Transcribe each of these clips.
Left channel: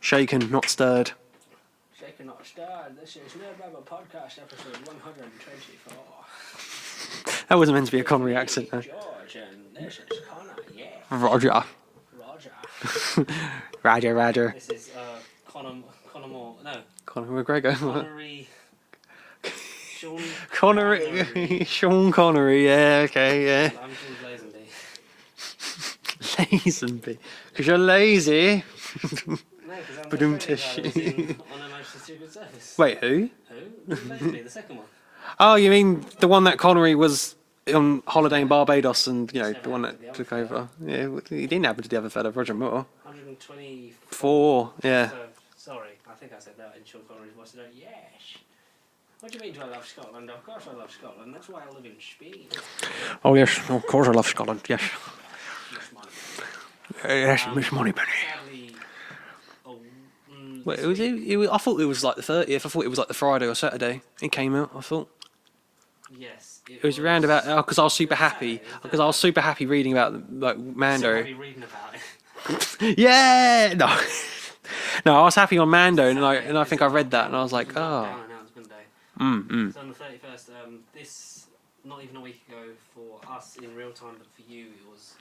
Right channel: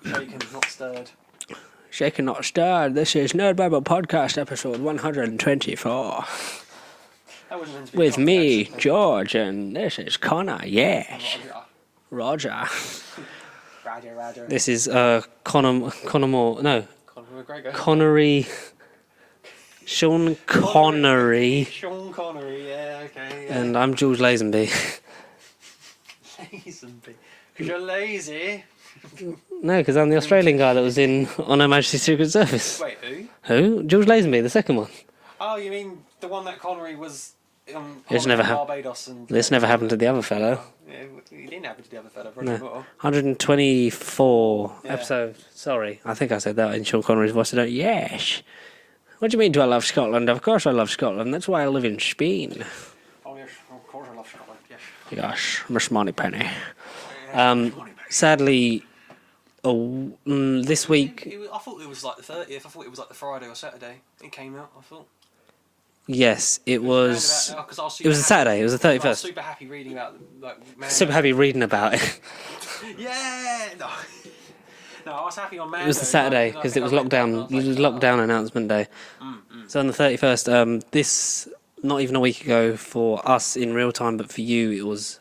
Shaken, not stirred. Shaken Not Stirred. This is Nerd Bible Podcast episode 124. That wasn't meant to be a With comedy me, accent. George, and this is Connor. Yeah. Roger. Roger. This is Conor Moore. No. Conor McGregor. Connery. Sean Connery. Sean Connery, yeah, okay, yeah. And I'm George Lazenby. Lazenby. Because you're lazy. No, because I'm the Australian guy that was in On Her Majesty's Secret Service. Wait, who? Who? George Lazenby, the second one. Oh, you mean the one that Connery was on holiday in Barbados and... This never happened to the other fellow. Yeah, it didn't happen to the other fellow, Roger Moore. 124. Yeah. So, sorry. I think I said that in Sean Connery's voice. I don't... Yes. What do you mean, do I love Scotland? Of course I love Scotland. That's why I live in Spain. Oh, yes. Of course I love Scotland, yes. Yes, Miss Moneypenny. Yes, Miss Moneypenny. Sadly, this week... I thought it was like the 30th. I thought it was like the Friday or Saturday. It came out, I thought. Yes, it was around about... Because I was super happy. It was a Saturday. It was the 31st. I was super happy reading about like Mando. Super happy reading about it. Yeah! No. No, I was happy on Mando. It was a Saturday, and I think I read that and I was like, it was lockdown announcement day. So on the 31st, this, not even a week ago for us in real time, but for you, it was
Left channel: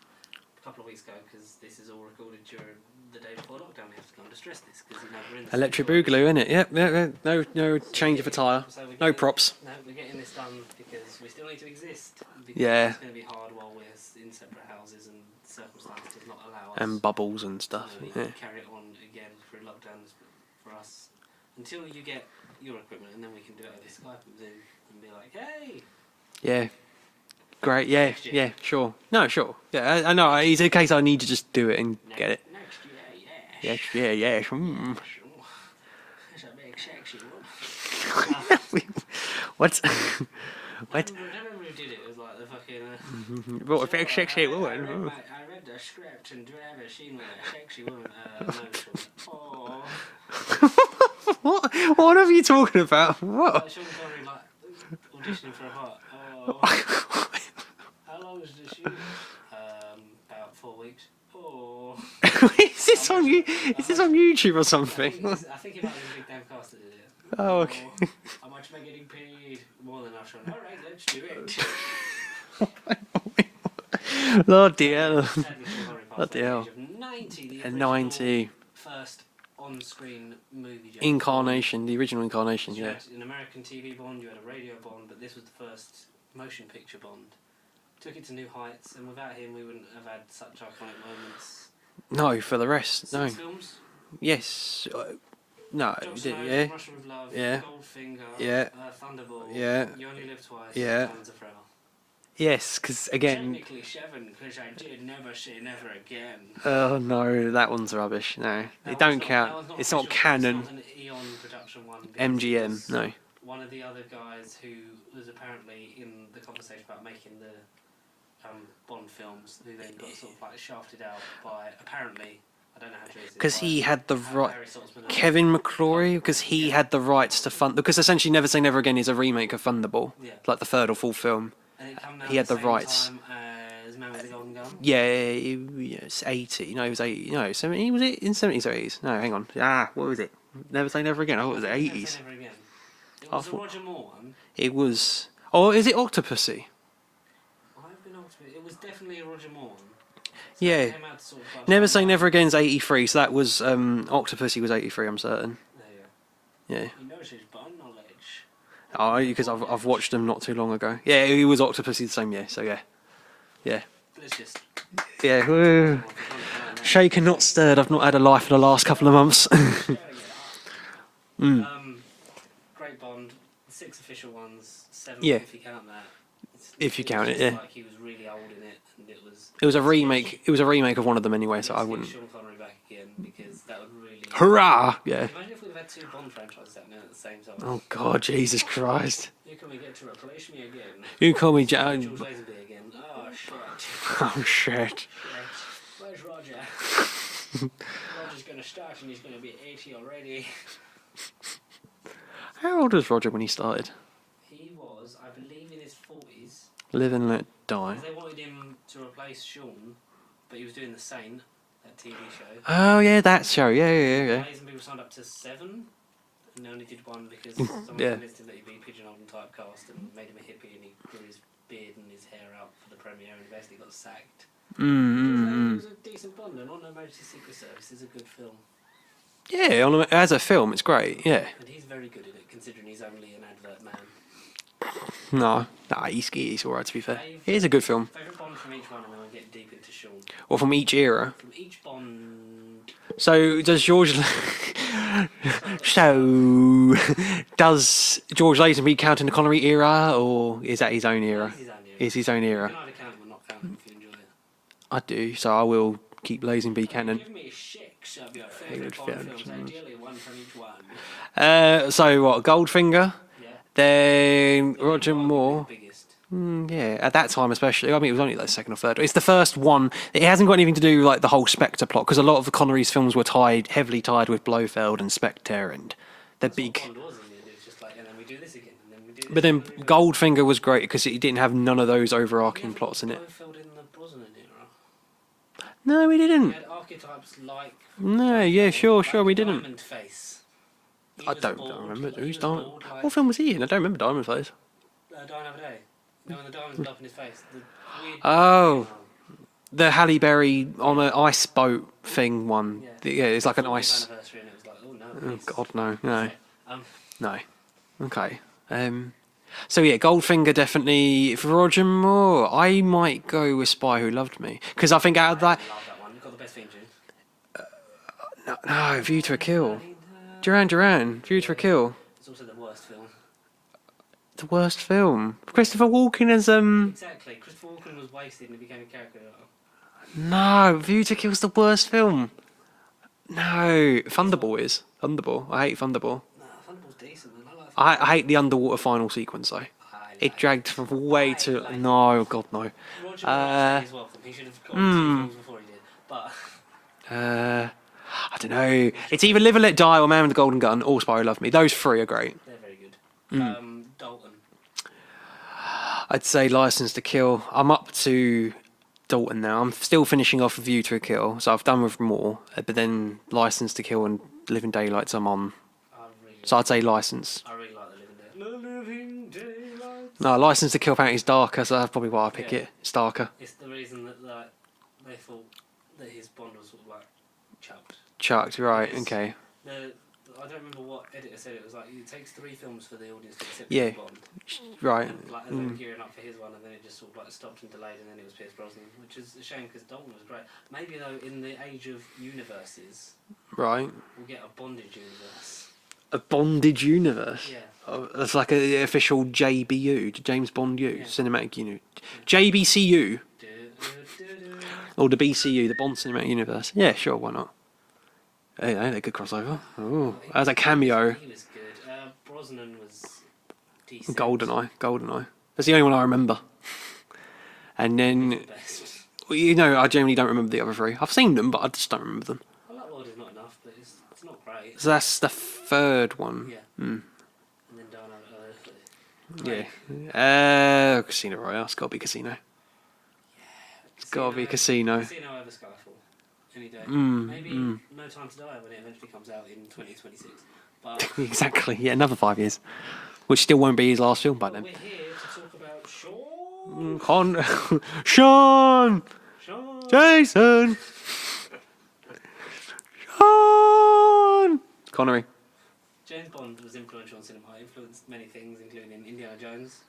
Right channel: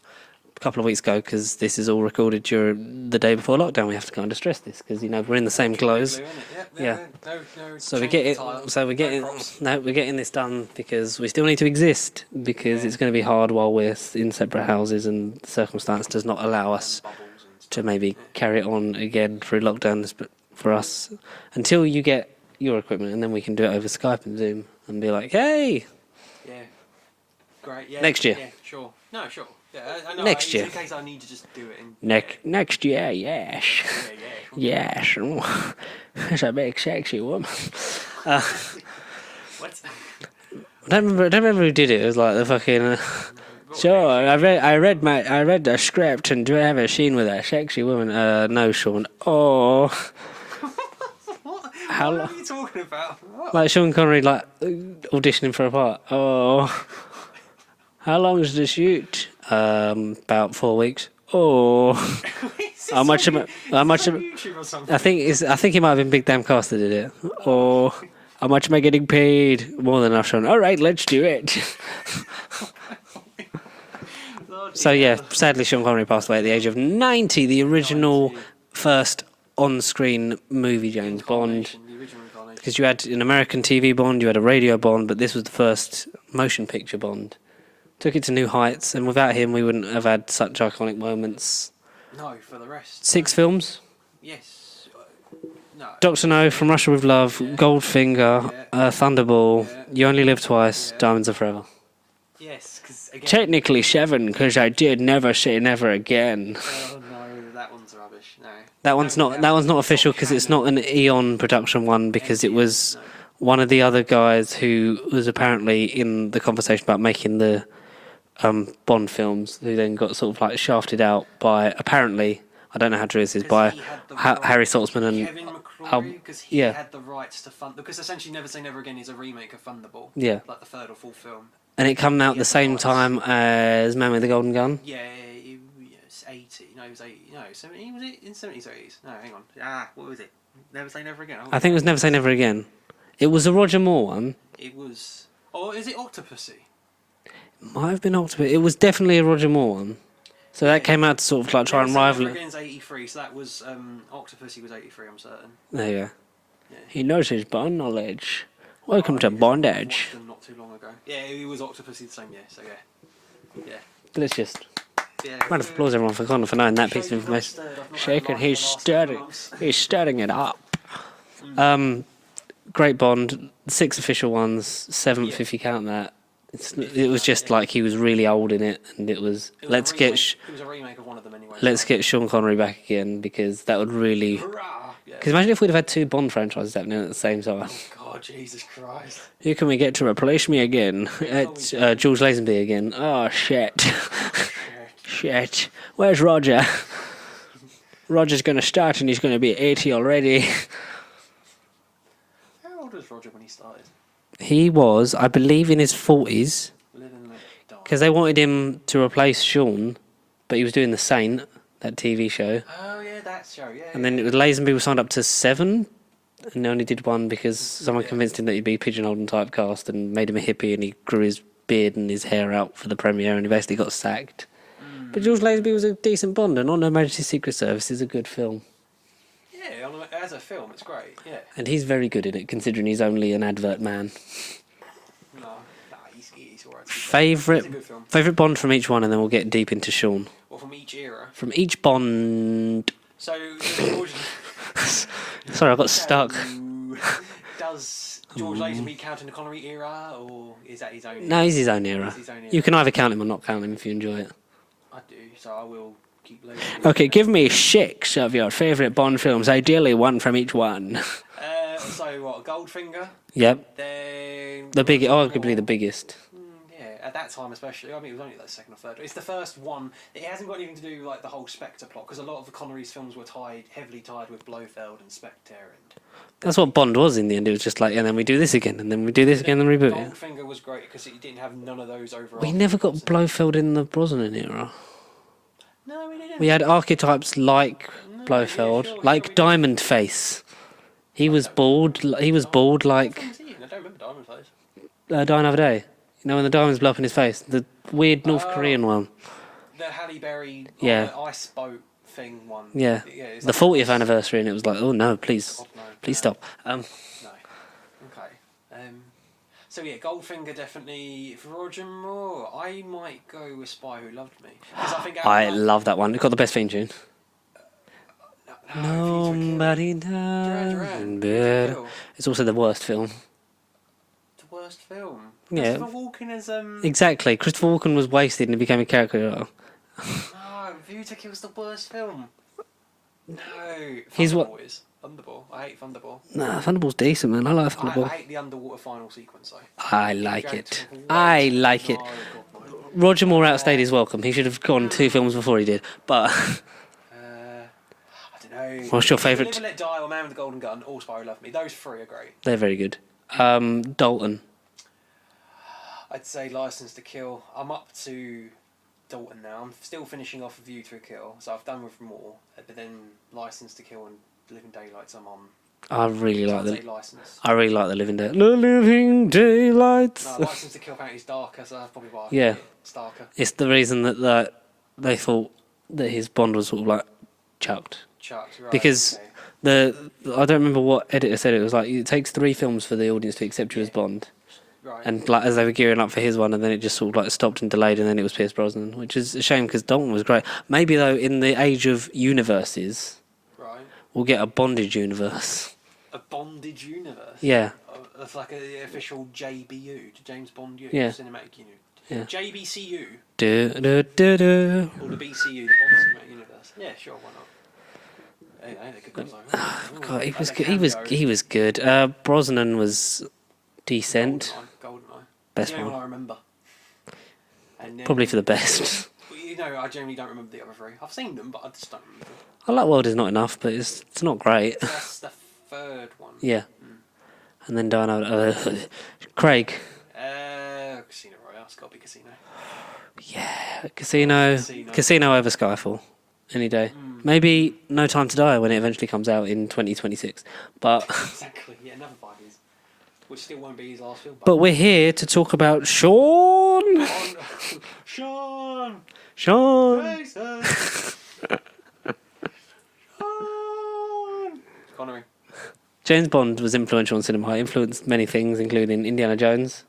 a couple of weeks ago, because this is all recorded during the day before lockdown. We have to kind of stress this, because, you know, we're in the same clothes. Glue, innit? Yep, yeah. No so change of attire. So we're getting, no props. No, we're getting this done because we still need to exist, because it's going to be hard while we're in separate houses and circumstance does not allow us and bubbles and stuff to maybe carry it on again through lockdowns. But for us, until you get your equipment, and then we can do it over Skype and Zoom and be like, hey. Yeah. Great, yeah. Next year. Yeah, sure. No, sure. Yeah, I know. Next It's year. a case I need to just do it and get it. Next year, yes. Yeah. Yes. That's a big sexy woman. What? I don't remember who did it. It was like the fucking... Sure, I read the script, and do I have a scene with a sexy woman? No, Sean. Oh. What are you talking about? What? Like Sean Connery, like, auditioning for a part. Oh. How long is the shoot? About 4 weeks. Oh. Is this How much on on YouTube or something? I think it might have been Big Damn Cast that did it. Oh. How much am I getting paid? More than enough, Sean. All right, let's do it. Lord So yeah, sadly Sean Connery passed away at the age of 90. The original 90. first on-screen movie James Bond. The original incarnation. Because you had an American TV Bond, you had a radio Bond, but this was the first motion picture Bond. Took it to new heights, and without him, we wouldn't have had such iconic moments. No, for the rest. 6 films. Yes. No. Doctor No, From Russia with Love, Goldfinger, Thunderball, You Only Live Twice, Diamonds Are Forever. Yes, because again... Technically 7, because I did never say never again. Oh no, that one's rubbish. No, That one's not It's official, because it's not an Eon production one, because it was one of the other guys who was apparently in the conversation about making the Bond films, who then got sort of like shafted out by, apparently, I don't know how true this is, by he had the Harry Saltzman and Kevin McCrory, because he had the rights to fund, because essentially Never Say Never Again is a remake of Thunderball. Yeah. Like the third or fourth film. And it came out at the same time as Man with the Golden Gun? Yeah, it's 80. No, it was 80. No, 70. Was it in 70s or 80s? No, hang on. What was it? Never Say Never Again? I think it was Never Say Never Again. It was a Roger Moore one. It was... Oh, is it Octopussy? Might have been Octopus. It was definitely a Roger Moore one. So that came out to sort of like try Never and Say rival... Never Again's 83, so that was... Octopussy was 83, I'm certain. There you go. Yeah. He knows his Bond knowledge. Welcome to Bondage. I've watched them not too long ago. Yeah, he was Octopussy the same year, so yeah. Yeah. Let's just... Yeah. Applause everyone for Connor for knowing that. Shaken, not stirred. I've not had a life for the last couple of months. He's stirring it up. Great Bond. 6 official ones. 7th if you count that. It was just like he was really old in it, and it was a remake. It was a remake of one of them anyway. Let's get Sean Connery back again, because that would really... Hurrah! Yeah. Because imagine if we'd have had 2 Bond franchises happening at the same time. Oh God, Jesus Christ! Who can we get to replace me again? Who can we get? George Lazenby again. Oh shit! Oh shit! Shit! Where's Roger? Roger's going to start, and he's going to be 80 already. How old was Roger when he started? He was, I believe, in his 40s. Live and let die. Because they wanted him to replace Sean, but he was doing The Saint. that TV show. Oh yeah, that show. Yeah, And yeah. then Yeah. Lazenby was signed up to 7, and they only did 1 because someone Yeah. convinced him that he'd be pigeonholed and typecast and made him a hippie, and he grew his beard and his hair out for the premiere, and he basically got sacked. But George Lazenby was a decent Bond, and On Her Majesty's Secret Service is a good film. Yeah, as a film, it's great. Yeah. And he's very good in it, considering he's only an advert man. No, he's alright to be fair. It's a good film. Favourite Bond from each one, and then we'll get deep into Sean. Or from each era. From each Bond... So, does George... Sorry, I got stuck. Does George Lazenby count in the Connery era, or is that his own era? No, he's his own era. It's his own era. You can either count him or not count him if you enjoy it. I do, so I will keep Lazenby. Okay, give me 6 of your favourite Bond films, ideally 1 from each one. So what? Goldfinger. Yep. Then Arguably the biggest. Yeah, at that time especially. I mean, it was only like second or third. It's the first one. It hasn't got anything to do with like the whole Spectre plot, because a lot of the Connery's films were heavily tied with Blofeld and Spectre, and that's what Bond was in the end. It was just like, and then we do this again, and then we do this again, and then reboot. Goldfinger was great because it didn't have none of those overarching. He never got plots in Blofeld in the Brosnan era. No, we didn't. He had archetypes like Blofeld, yeah, sure, like we Diamond Face. He was bald. He was bald like. What film was he in? I don't remember Diamond Face. Die Another Day. You know when the diamonds blow up in his face, the weird North Korean one. The Halle Berry on an ice boat thing one. Yeah, it's the like 40th anniversary, and it was like, oh no, please, God, no, please stop. No, okay. So yeah, Goldfinger definitely. For Roger Moore, I might go with Spy Who Loved Me, because I think I love that one. It got the best theme tune. No, View to a Kill. Duran, View to a Kill. It's also the worst film. The worst film. Christopher Walken as Exactly. Christopher Walken was wasted and he became a caricature. No, View to Kill's the worst film. No, Thunderball is. Thunderball. I hate Thunderball. Nah, Thunderball's decent, man. I like Thunderball. I hate the underwater final sequence though. I like it. I like it. No, God no. Roger Moore outstayed his welcome. He should have gone 2 films before he did. But I don't know. What's your it's either favourite? Live and Let Die or Man with the Golden Gun or Spy Who Loved Me. Those 3 are great. They're very good. Dalton. I'd say License to Kill. I'm up to Dalton now. I'm still finishing off View to a Kill, so I've done with more. But then License to Kill and Living Daylights I'm on. I really like. So I'd say License. I really like the Living Daylights. The Living Daylights. No, License to Kill apparently is darker, so that's probably why I pick it. It's darker. It's the reason that they thought that his Bond was sort of like chucked, right? Because okay. I don't remember what editor said it. It was like it takes 3 films for the audience to accept you as Bond. Right. And like as they were gearing up for his one, and then it just sort of like stopped and delayed, and then it was Pierce Brosnan, which is a shame because Dalton was great. Maybe though, in the age of universes, right, we'll get a bondage universe. A bondage universe. Yeah. It's like an official JBU, James Bond U, cinematic unit. Yeah. JBCU. Or the BCU, the Bond Cinematic Universe. Yeah, sure, why not? Hey, they could cross over. As a cameo. He was good. Brosnan was decent. GoldenEye. That's the only one I remember. And then, probably for the best. Well, I generally don't remember the other 3. I've seen them, but I just don't remember them. I like World Is Not Enough, but it's not great. So that's the 3rd one. Yeah. And then Craig. Casino Royale. It's got to be Casino. Yeah, Casino over Skyfall. Any day. Maybe No Time to Die when it eventually comes out in 2026. But exactly. Yeah, another 5 years. Which still won't be his last film. But we're here to talk about Sean. Sean. Jason. Sean. Connery. James Bond was influential in cinema. He influenced many things, including Indiana Jones.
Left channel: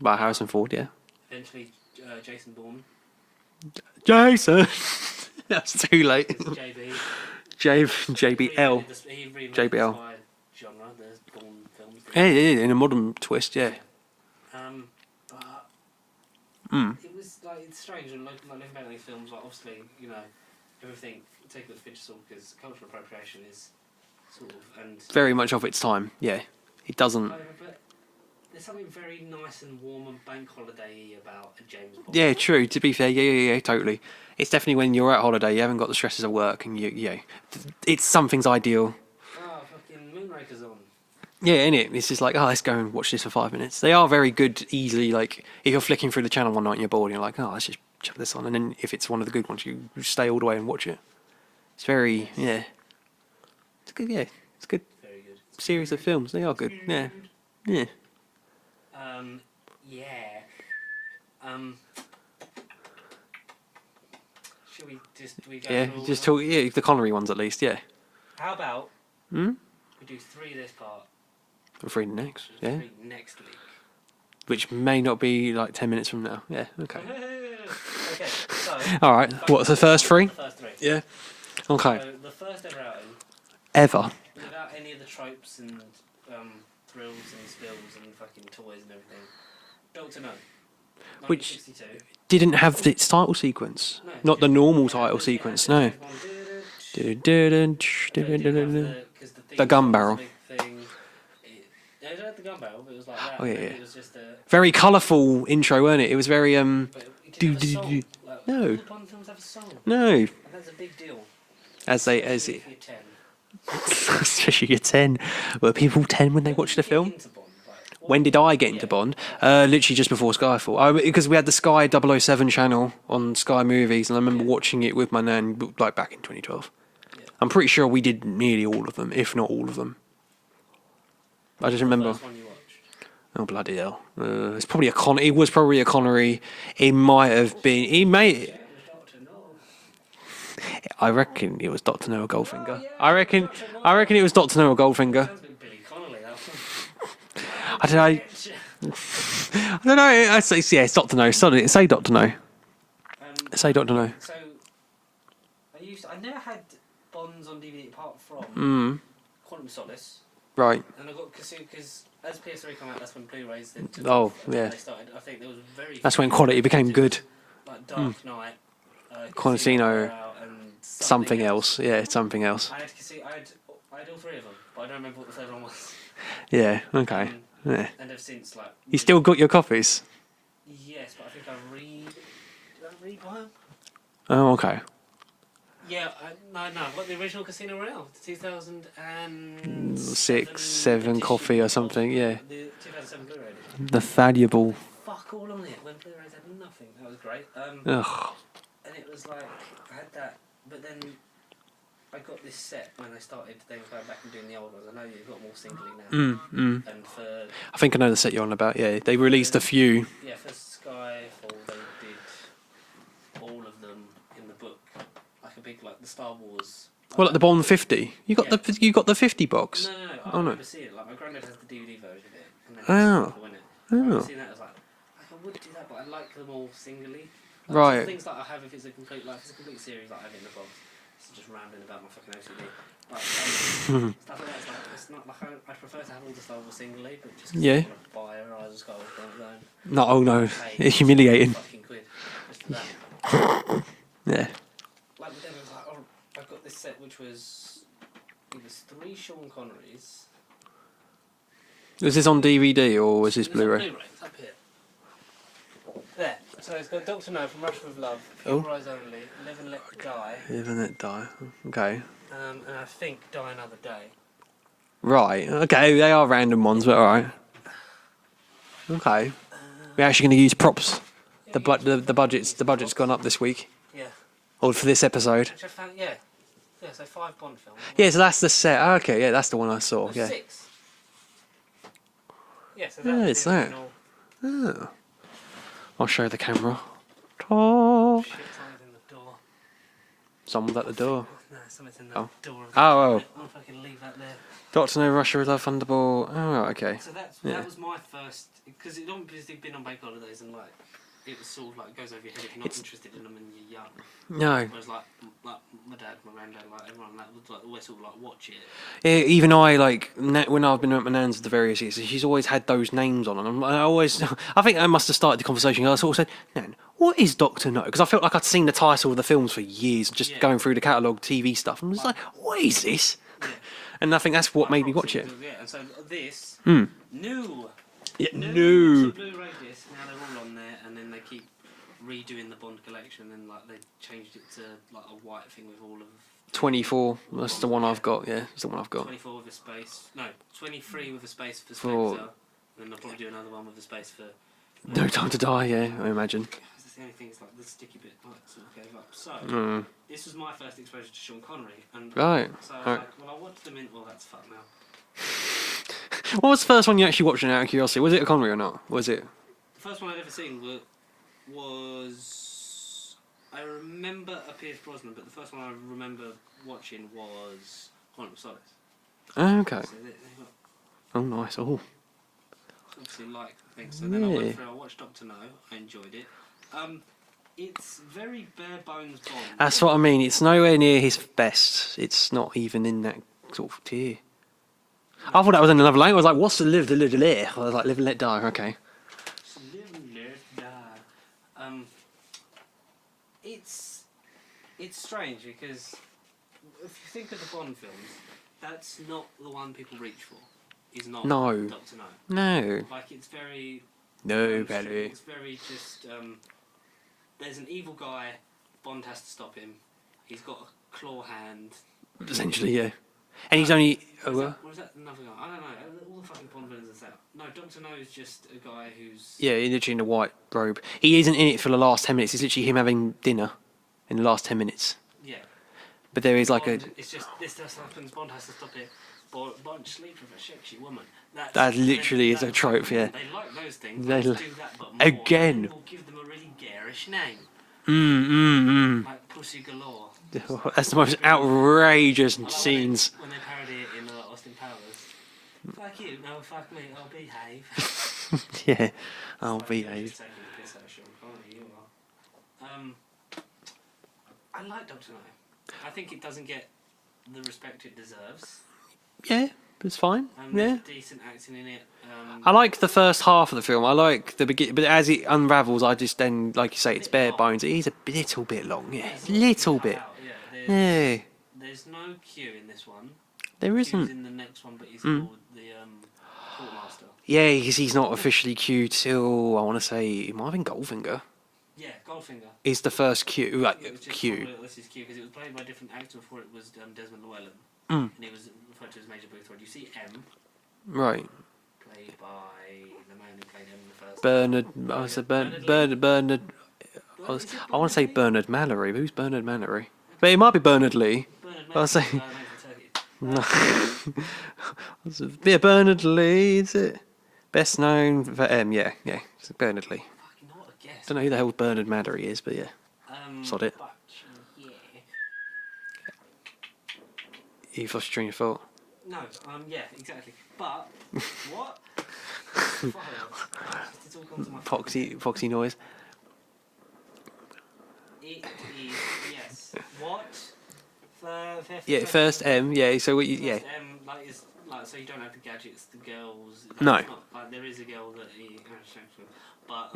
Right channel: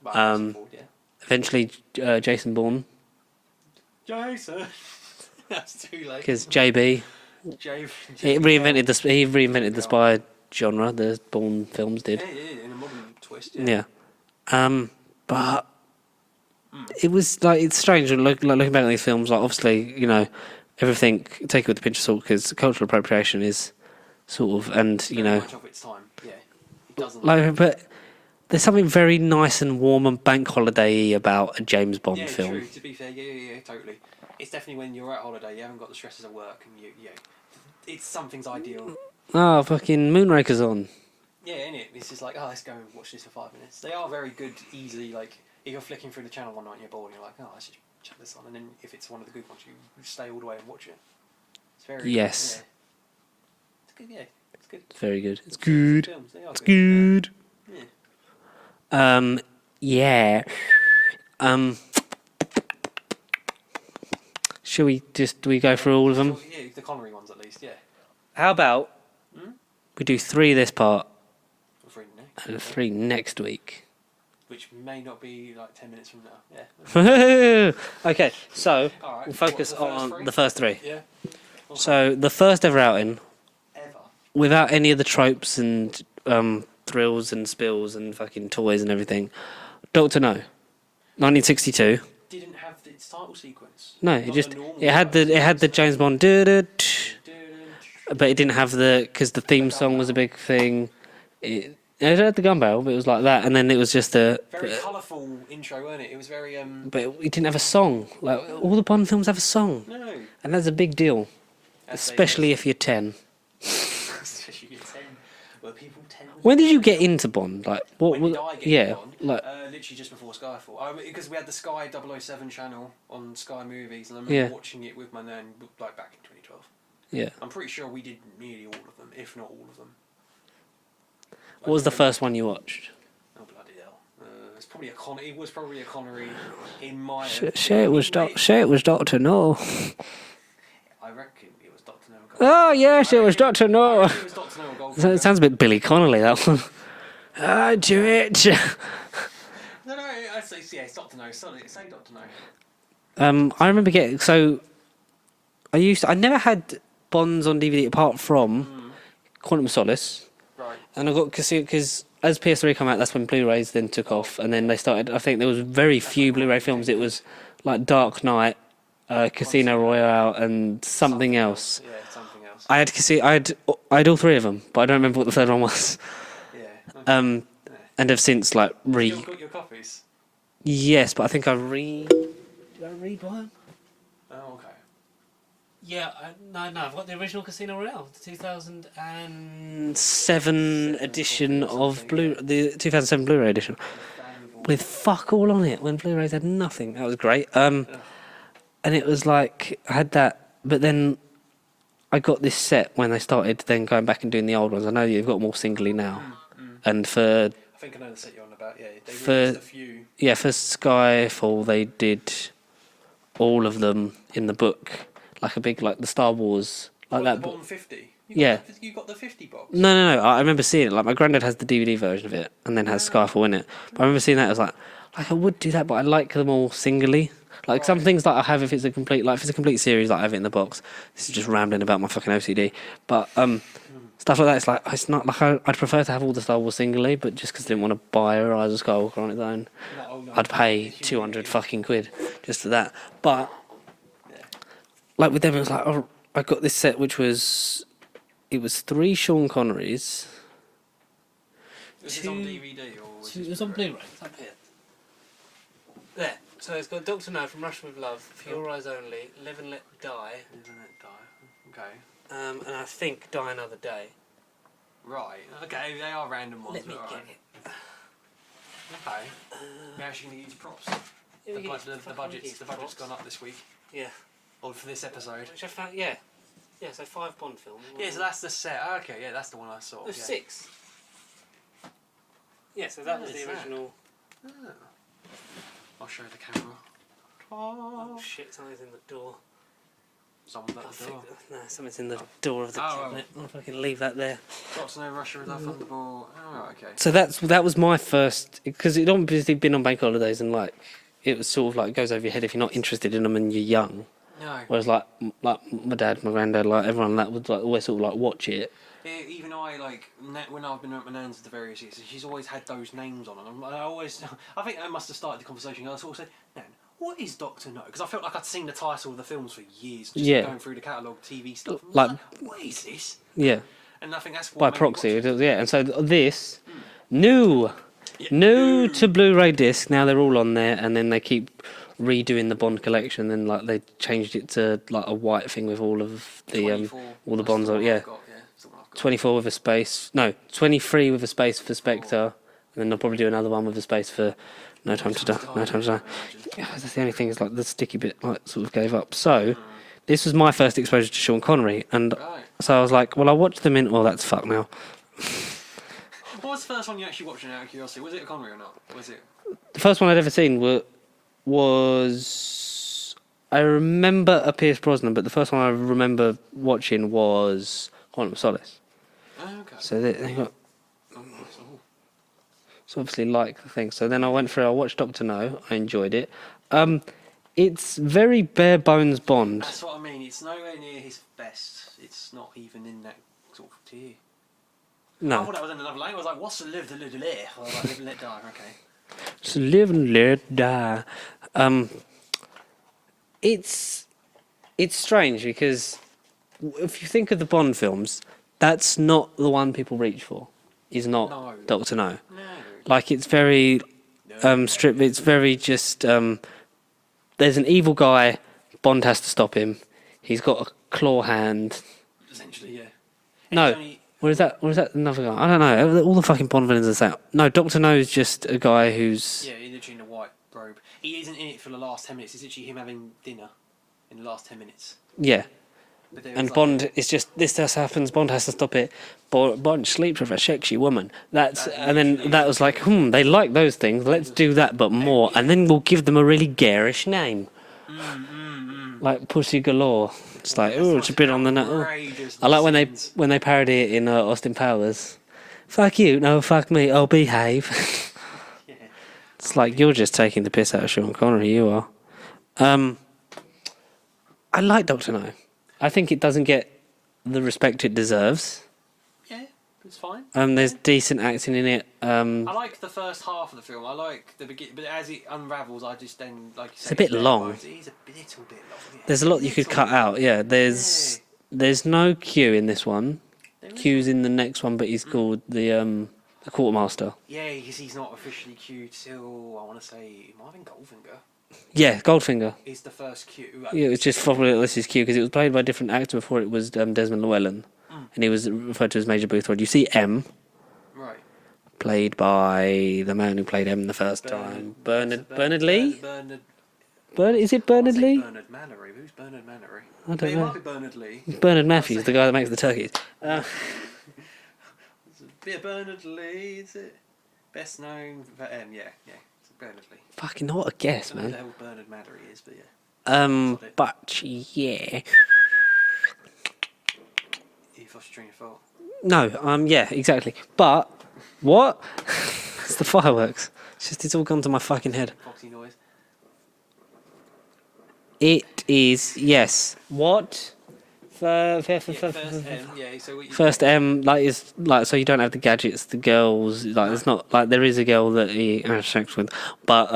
By Harrison Ford, yeah. Eventually, Jason Bourne. Jason. That's too late. Because JB. He reinvented the spy genre. The Bourne films did. Yeah, in a modern twist. Yeah. But it was like it's strange looking back at these films. Like obviously, everything take it with a pinch of salt because cultural appropriation is sort of very much of its time. Yeah, it doesn't. But there's something very nice and warm and bank holiday-y about a James Bond film. Yeah, true. To be fair, yeah, totally. It's definitely when you're at holiday, you haven't got the stresses of work, and it's something's ideal. Oh, fucking Moonraker's on. Yeah, innit? It's just like, let's go and watch this for 5 minutes. They are very good, easily, like, if you're flicking through the channel one night and you're bored, and you're like, let's just chuck this on. And then if it's one of the good ones, you stay all the way and watch it. It's very Yes. yeah. It's good. Yeah, it's good. Very good. It's Series good. of films. They are It's good. good. Yeah. Yeah. Shall we go through all of them? Yeah, the Connery ones at least. Yeah. How about we do 3 this part For free next. and Yeah. 3 next week? Which may not be like 10 minutes from now. Yeah. Okay, so All right. What's the first 3? The first 3. Yeah. Okay. So the first ever outing, Ever. without any of the tropes and thrills and spills and fucking toys and everything. Dr. No, 1962. Didn't have its title sequence. No, Not the normal it had title the, It had the sequence, James Bond, but it didn't have because the theme gun song was a barrel. big thing. It had the gun barrel, but it was like that, and then it was just a Very colourful intro, weren't it? It was very But it didn't have a song. Like all the Bond films have a song, No. and that's a big deal, especially if you're 10. Especially you're 10. Were people 10 when they When watched did you the get film? into Bond? Like, When did I get yeah, into Bond? like- Literally just before Skyfall. Because we had the Sky 007 channel on Sky Movies, and I remember Yeah. watching it with my nan, like back in 2012. yeah. I'm pretty sure we did nearly all of them, if not all of them. What was the first one you watched? Oh bloody hell! It's probably It was probably a Connery. It might have been. Say it was Dr. No. I reckon it was Dr. No or Goldfinger. Oh, yes, I it was reckon- Dr. No. I reckon it was Dr. No or Goldfinger. It sounds a bit Billy Connolly, that one. I don't know. I say it's Dr. No. Say Dr. No. I remember Dr. No. getting I never had Bonds on DVD apart from Quantum of Solace, Right. and I got because as PS3 came out, that's when Blu-rays then took off, and then yeah. they started. I think there was very That's few when quality Blu-ray films. became It was good. like Dark Knight, Casino Royale, and something else. Yeah, something else. I had all 3 of them, but I don't remember what the third one was. Yeah. Okay. Yeah. And have since like You still got your copies? yes, but I think did I rebuy them? Oh, okay. Yeah, no, I've got the original Casino Royale, the 2007 7 edition copy or something, yeah. The 2007 Blu-ray edition. The valuable. With fuck all on it, when Blu-rays had nothing. That was great. Ugh. And it was like, I had that, but then I got this set when they started then going back and doing the old ones. I know you've got them all singly now. And for I think I know the set you're on about. Yeah, they released a few. for Skyfall, they did all of them in the book. Like a big, like the Star Wars. Like the Bond 50. You got the 50 box. No. I remember seeing it. Like my granddad has the DVD version of it, and then has Skyfall in it. But I remember seeing that. I was like I would do that, but I like them all singly. Like some Right. things that I have, if it's a complete series, like I have it in the box. This is just rambling about my fucking OCD. But stuff like that, it's not like I'd prefer to have all the Star Wars singly, but just because I didn't want to buy a Rise of Skywalker on its own. No, I'd pay It's humiliating. fucking quid just for that. But Yeah. like with them, it was like, oh, I got this set which was 3 Sean Connerys. Was this on DVD or was this It was on Blu-ray? Blu-ray. It's up here. There. So it's got Dr. No from Rush with Love, For Your Eyes Only, Live and Let Die, Live and Let Die. Okay. and I think Die Another Day. Right. Okay, they are random ones, but all right. Okay. We're actually going to use props. The budget's gone up this week, Yeah. or for this episode. Which I found, yeah. Yeah, so 5 Bond films. Yeah, so that's the set. Okay, yeah, that's the one I saw. There's Yeah. 6. Yeah, so Yeah, that's it's the that. original. I'll show the camera. Oh. Shit, something's in the door. Someone's at the door. No, something's in the door of the Oh. I wonder if I can leave that there. Doctor No, Russia with Love, Thunderball. Oh, right, okay. So that was my first, because it'd obviously been on bank holidays, and like it was sort of like goes over your head if you're not interested in them and you're young. No. Whereas like my dad, my granddad, like everyone that would like always sort of like watch it. Even I, like, when I've been at my nan's at the various years, she's always had those names on them. I think I must have started the conversation. I sort of said, Nan, what is Doctor No? Because I felt like I'd seen the title of the films for years, just going through the catalogue TV stuff. And I was like, what is this? Yeah. And I think that's what made me watch it. Yeah, and so this new to Blu-ray disc. Now they're all on there, and then they keep redoing the Bond collection. Then like they changed it to like a white thing with all of the 24. all the That's Bonds the one on. I've got. Yeah, it's the one I've got. 24 with a space. No, 23 with a space for Spectre, and then they'll probably do another one with a space for No Time to Die. I imagine. Yeah, that's the only thing is like the sticky bit like sort of gave up. So this was my first exposure to Sean Connery, and so I was like, well, I'll watch them in. Oh, that's fuck now. What was the first one you actually watched out of curiosity? Was it a Connery or not? Was it? The first one I'd ever seen was I remember a Pierce Brosnan, but the first one I remember watching was Quantum of Solace. Oh, okay. So they got nice. Oh. so obviously like the thing. So then I went through. I watched Doctor No. I enjoyed it. It's very bare bones Bond. That's what I mean. It's nowhere near his best. It's not even in that sort of tier. No. I thought that was in another language. I was like, what's the live, I was like, live and let die. Okay. So live and let die. It's strange because if you think of the Bond films, that's not the one people reach for. Is not Doctor No. No. Like it's very stripped. It's very just. There's an evil guy. Bond has to stop him. He's got a claw hand. Essentially, yeah. And he's only. Or is that another guy? I don't know. All the fucking Bond villains are that. No, Doctor No is just a guy who's... Yeah, literally in a white robe. He isn't in it for the last 10 minutes. It's literally him having dinner in the last 10 minutes. Yeah. But there is Bond, it's just, this just happens, Bond has to stop it. Bond sleeps with a sexy woman. That was like, they like those things. Let's do that, but more. Again. And then we'll give them a really garish name. Like Pussy Galore. It's like, that's the most outrageous. I like when they parody it in Austin Powers. Fuck you, no, fuck me. Oh, behave. Yeah, it's like you're just taking the piss out of Sean Connery. You are. I like Doctor No. I think it doesn't get the respect it deserves. Yeah, it's fine. There's decent acting in it. I like the first half of the film. I like the beginning, but as it unravels, I just then, like you say, it's bare bones. It is a little bit long. Yeah, there's a lot you could cut out. Yeah, there's no Q in this one. Q's in the next one, but he's called the quartermaster. Yeah, because he's not officially Q till I want to say it might have been Goldfinger. Yeah, Goldfinger is the first Q. Like, yeah, it's just probably this is Q because it was played by a different actor before. It was Desmond Llewellyn, and he was referred to as Major Boothroyd. You see M, right? Played by the man who played M the first time. Bernard Lee. Bernard. Is it Bernard Lee? I want to say Bernard Mallory. Who's Bernard Mallory? But it might be Bernard Lee. Bernard Matthews, the guy that makes the turkeys. Yeah, Bernard Lee, is it? Best known for M, yeah. It's Bernard Lee. Fucking what a guess. I don't know who the hell Bernard Mallory is, but yeah. Sod it. But yeah. You've lost your train of thought. No, yeah, exactly. But what? It's the fireworks. It's all gone to my fucking head. Foxy noise. It is, yes. What? First M, yeah. So what you first M, is so you don't have the gadgets, the girls. No. It's not like there is a girl that he has sex with, but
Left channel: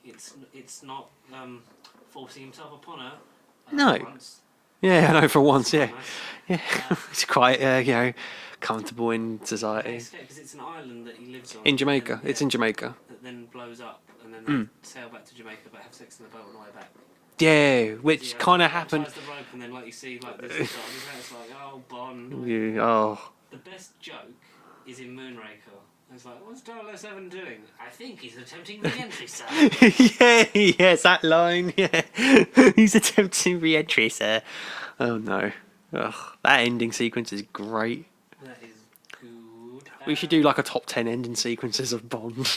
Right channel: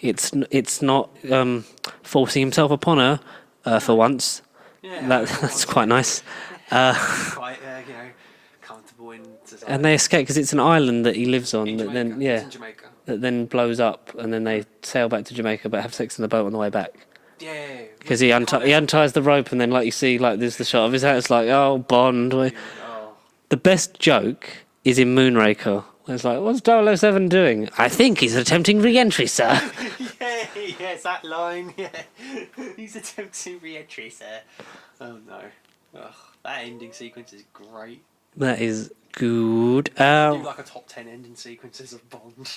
it's not forcing himself upon her for once. Yeah, for once. It's quite nice. Yeah. It's quite comfortable in society. And they escape because it's an island that he lives on. In Jamaica. Then, it's in Jamaica. That then blows up, and then they sail back to Jamaica, but have sex in the boat on the way back. Yeah, because he unties the rope, and then you see there's the shot of his hand. It's like, oh, Bond. The best joke is in Moonraker. It's like, what's 007 doing? I think he's attempting re-entry, sir. Yes, that line. Yeah, he's attempting re-entry, sir. Oh no, that ending sequence is great. That is good. We should do a top 10 ending sequences of Bond.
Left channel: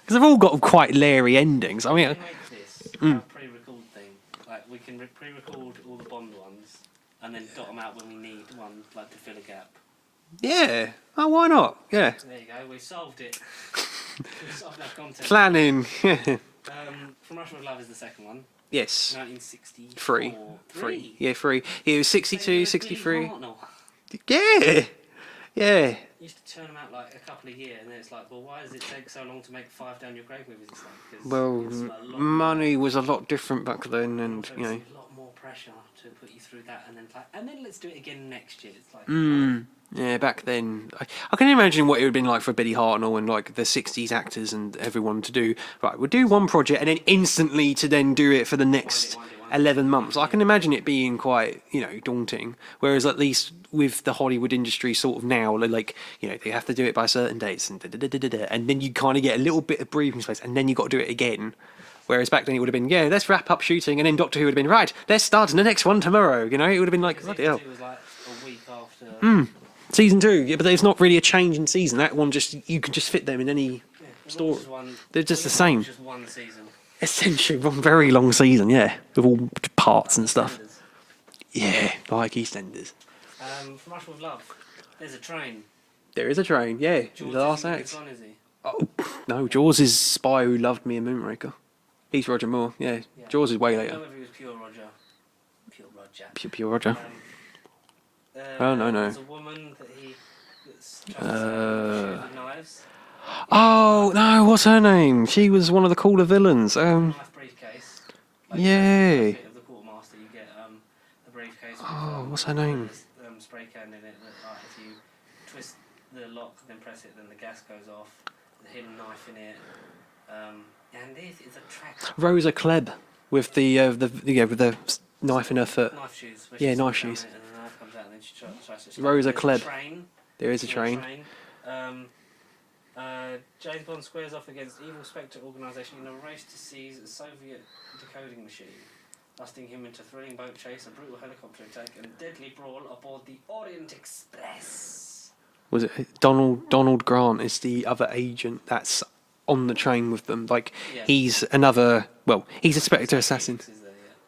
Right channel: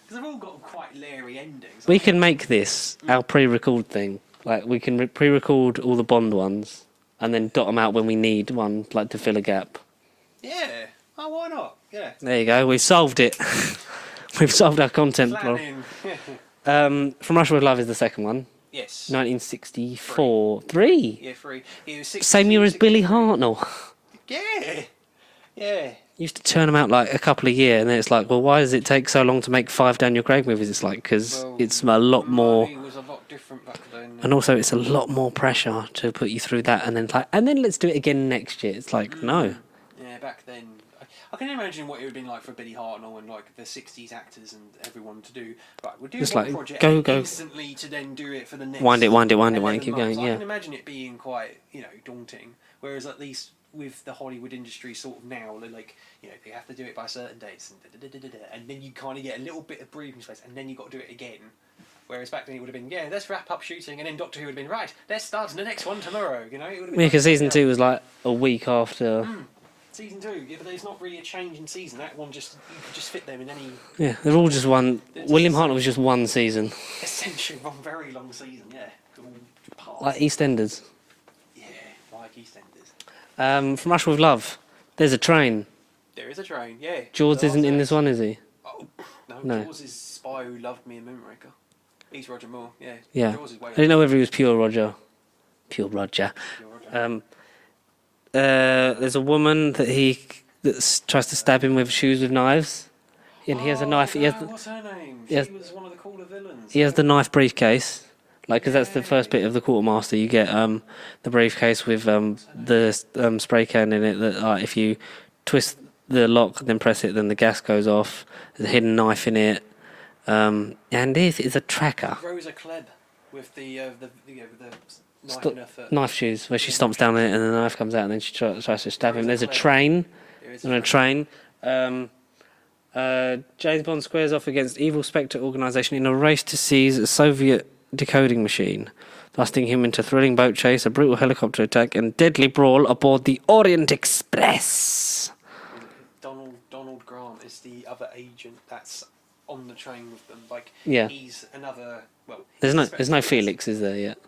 Because they've all got quite leery endings. We can make this our pre-record thing. We can pre-record all the Bond ones and then dot them out when we need one, to fill a gap. Yeah. Oh, why not? Yeah. There you go. We've solved it. We've solved our content. Planning. From Russia with Love is the second one. Yes. 1964. Three. Yeah, 3. It was 62, Same year as 63. Billy Hartnell. Yeah. Yeah. Used to turn them out a couple a year, and then it's well, why does it take so long to make 5 Daniel Craig movies? It's because it's a lot more. Money was a lot different back then, and also it's a lot more pressure to put you through that, and then let's do it again next year. It's no, Yeah, back then, I can imagine what it would have been like for Billy Hartnell and like the '60s actors and everyone to do. Right, we'll do one project and then instantly to then do it for the next wind it, 11 months. Going, I can imagine it being quite daunting. Whereas at least with the Hollywood industry, sort of now, like they have to do it by certain dates and and then you kind of get a little bit of breathing space, and then you got to do it again. Whereas back then it would have been, let's wrap up shooting, and then Doctor Who would have been, right, let's start the next one tomorrow. It would have been because season 2 was like a week after. Season 2, but there's not really a change in season. That one you could just fit them in any. Yeah, they're all just one. William Hart was just one season. Essentially, one very long season, with all parts like and stuff. EastEnders. Yeah, like EastEnders. From Russia with Love, there's a train. There is a train, yeah. Jaws isn't in this one, is he? Oh, no, Jaws is Spy Who Loved Me and Moonraker. He's Roger Moore, yeah. Jaws is way. I don't know whether he was pure Roger. Pure Roger. No. There's a woman that tries to stab him with shoes with knives. Yeah, he has a knife. No, what's her name? She was one of the cooler villains. He has the knife briefcase. Cause that's the first bit of the Quartermaster. You get the briefcase with the spray can in it that if you twist the lock, then press it, then the gas goes off. There's a hidden knife in it. And this is a tracker. Rosa Klebb with the knife in her foot. Knife shoes, where she stomps down it and the knife comes out and then she tries to stab him. There's a train. There is a train. James Bond squares off against evil Spectre organisation in a race to seize a Soviet decoding machine, lasting him into thrilling boat chase, a brutal helicopter attack and deadly brawl aboard the Orient Express. Was it Donald Grant is the other agent that's on the train with them? He's another... Well, there's no Felix, is there, yet?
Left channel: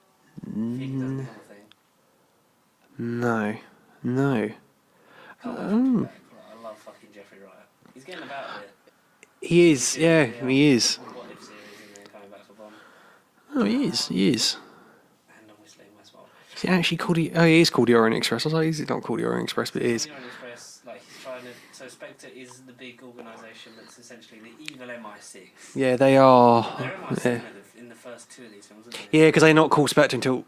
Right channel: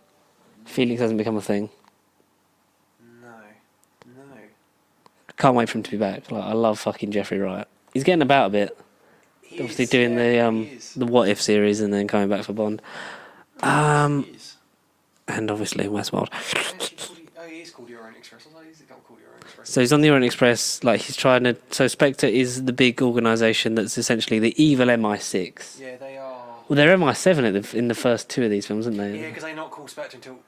Felix hasn't become a thing. No. Can't wait for him to be back. I love fucking Jeffrey Wright. He's getting about a bit. He is the What If series and then coming back for Bond. He is. And obviously Westworld. Actually, he is called the Orient Express. I was like, he's not called the Orient Express. So he's on the Orient Express. He's trying to. So Spectre is the big organisation that's essentially the evil MI6. Yeah, they are. Well, they're MI7 in the first 2 of these films, aren't they? Yeah, because they're not called Spectre until.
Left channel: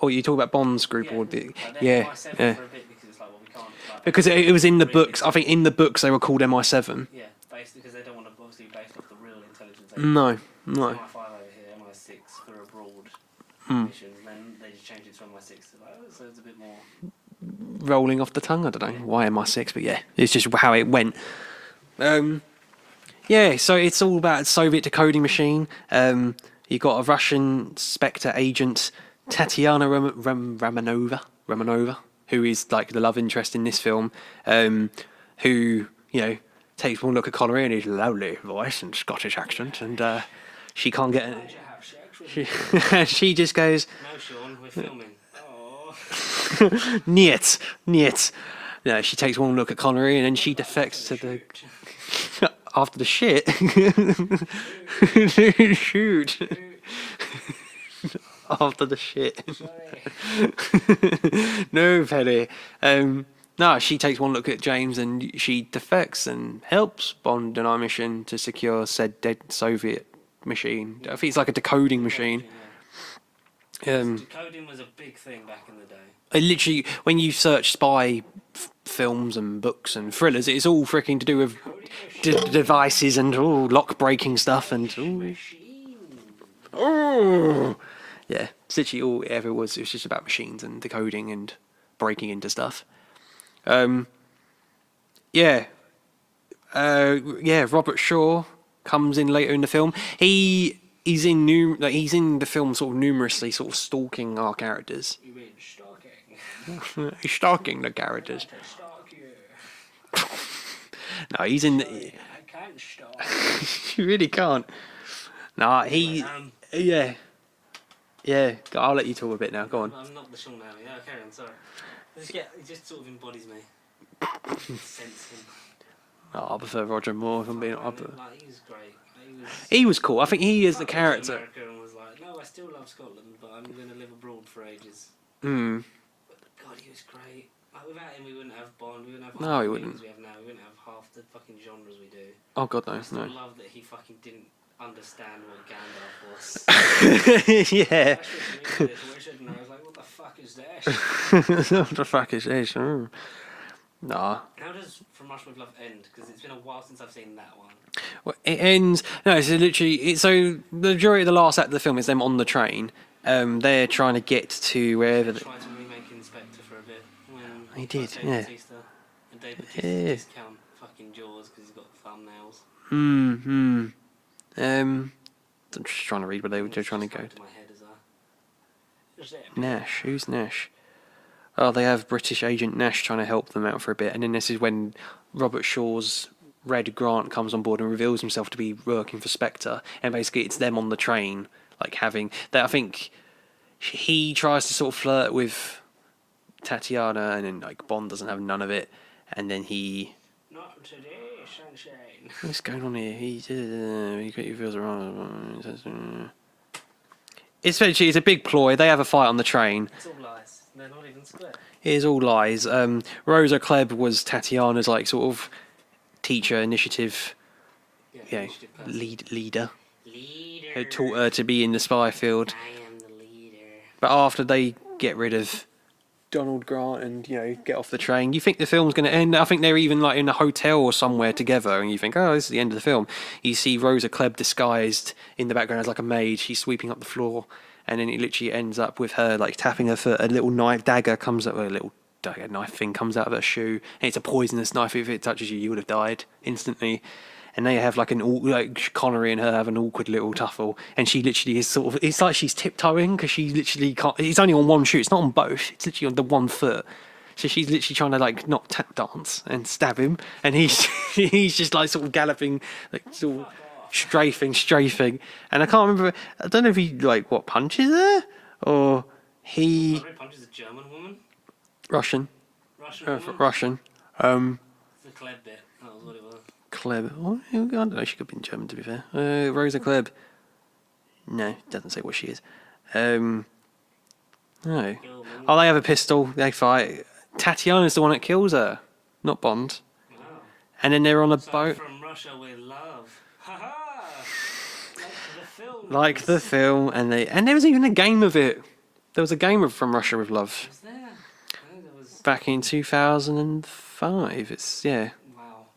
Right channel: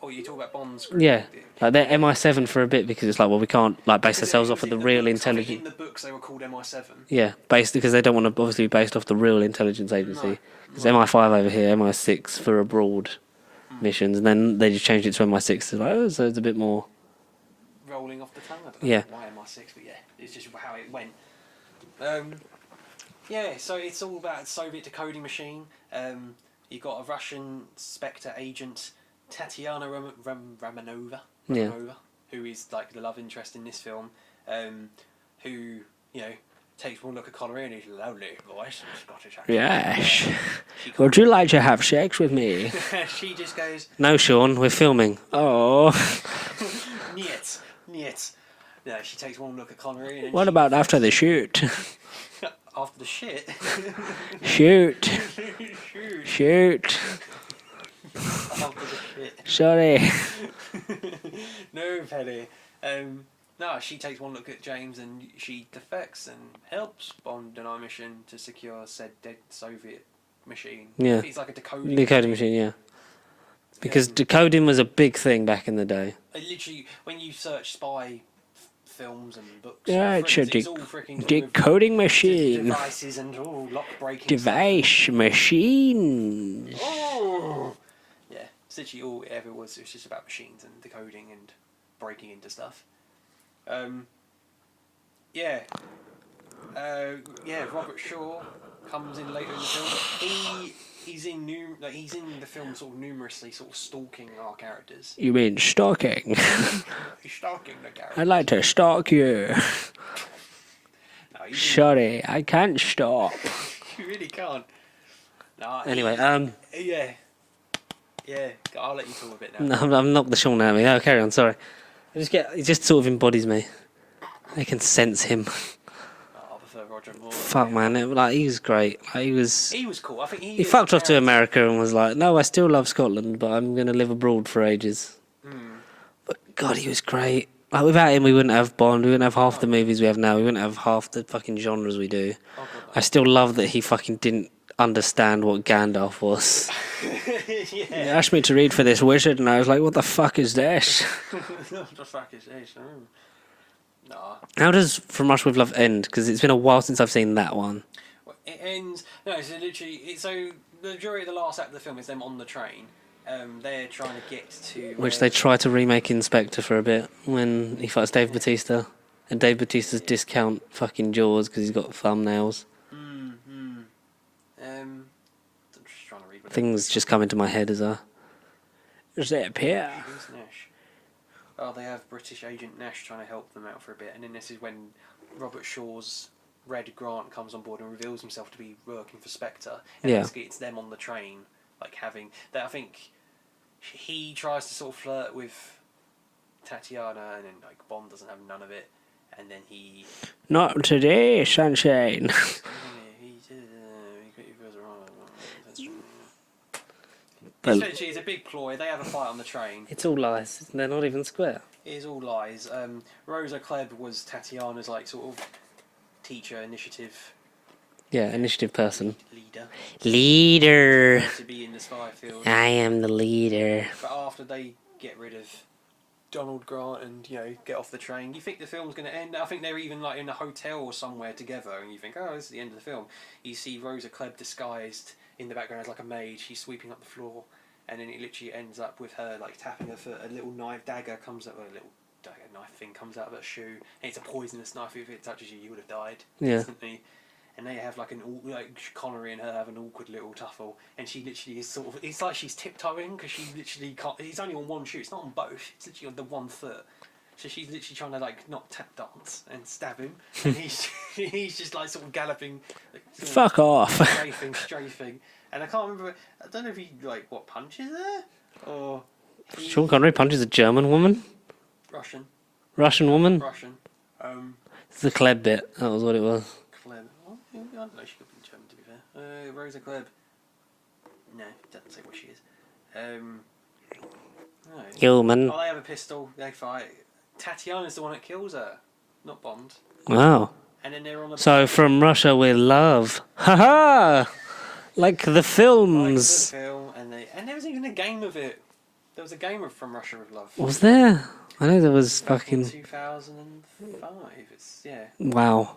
Or you talk about Bond's group. Yeah, they're MI7 for a bit because it's we can't base because ourselves it was off in the the real books. I think in the books they were called MI7. Yeah, based because they don't want to obviously be based off the real intelligence agency. No. It's MI5 over here, MI6 for abroad missions, and then they just changed it to MI6. So it's a bit more rolling off the tongue. I don't know why MI6, but it's just how it went. So it's all about a Soviet decoding machine. You've got a Russian Spectre agent, Tatiana Romanova, who is the love interest in this film, who takes one look at Connery and his lovely voice and Scottish accent. Yes. And, would you like to have sex with me? She just goes, "No, Sean, we're filming." Oh, niet. No, she takes one look at Connery and then what about after the shoot? After the shit? Shoot. After the shit. Sorry. No, Penny. No, she takes one look at James and she defects and helps Bond on our mission to secure said dead Soviet machine. Yeah. I think it's like a decoding machine. Yeah. Because decoding was a big thing back in the day. Literally, when you search spy films and books and thrillers, it's all freaking to do with decoding machine devices and lock breaking stuff. And machine. Oh. Yeah, it's literally all it ever was. It was just about machines and decoding and breaking into stuff. Robert Shaw comes in later in the film. He's in the film sort of numerously sort of stalking our characters. You mean stalking? He's stalking the characters. I'd like to stalk you. No, he's Sorry, I can't stalk. You really can't. No, anyway, I'll let you talk a bit now. No, I've knocked the Sean out of me. No, carry on. Sorry. He just sort of embodies me. I can sense him. Oh, I prefer Roger Moore. Fuck, man. He was great. He was cool. I think he fucked off to America and was like, no, I still love Scotland, but I'm going to live abroad for ages. But God, he was great. Without him, we wouldn't have Bond. We wouldn't have half the movies we have now. We wouldn't have half the fucking genres we do. Oh, God, no. I still love that he fucking didn't understand what Gandalf was. Yeah. He asked me to read for this wizard, and I was like, what the fuck is this? What the fuck is this? Nah. How does From Russia with Love end? Because it's been a while since I've seen that one. Well, it ends. No, so literally. So the majority of the last act of the film is them on the train. They're trying to get to where Which they try to remake Inspector for a bit when he fights Dave Bautista. And Dave Bautista's discount fucking Jaws because he's got thumbnails. I'm just trying to read what they were Things just come into my head as a... Is that Nash? Who's Nash? Oh, they have British agent Nash trying to help them out for a bit. And then this is when Robert Shaw's Red Grant comes on board and reveals himself to be working for Spectre. And basically it's them on the train, like having... that. I think he tries to sort of flirt with Tatiana and then like Bond doesn't have none of it. And then he... Not today, sunshine. What's going on here? He feels wrong. Essentially, it's a big ploy. They have a fight on the train. It's all lies. They're not even square. It is all lies. Rosa Klebb was Tatiana's like sort of teacher initiative. Yeah, initiative person. Leader. Leader. Taught her to be in the spy field. I am the leader. But after they get rid of Donald Grant and get off the train, you think the film's going to end. I think they're even like in a hotel or somewhere together, and you think, oh, this is the end of the film. You see Rosa Klebb disguised in the background as like a maid. She's sweeping up the floor, and then it literally ends up with her like tapping her foot. A little knife dagger comes up, a little dagger knife thing comes out of her shoe, and it's a poisonous knife. If it touches you, you would have died instantly. And they have like Connery and her have an awkward little tuffle, and she literally is sort of, it's like she's tiptoeing because she literally can't. It's only on one shoe. It's not on both. It's literally on the one foot. So she's literally trying to like not tap dance and stab him, and he's just like sort of galloping, like sort fuck off, strafing. And I can't remember. I don't know if he like punches her or he. Sean Connery punches a German woman. Russian woman. Russian. It's the Klebb bit. That was what it was. Klebb. Oh, I don't know. She could be in German, to be fair. Rosa Klebb. No, doesn't say what she is. No. Human. Oh, they have a pistol. They fight. Tatiana's the one that kills her, not Bond. Wow. And then they're on a So boat. From Russia with Love. Ha ha! Like the films. Like the film, and there was even a game of it. There was a game of From Russia with Love. Was there? I know there was back in 2005. It's Wow.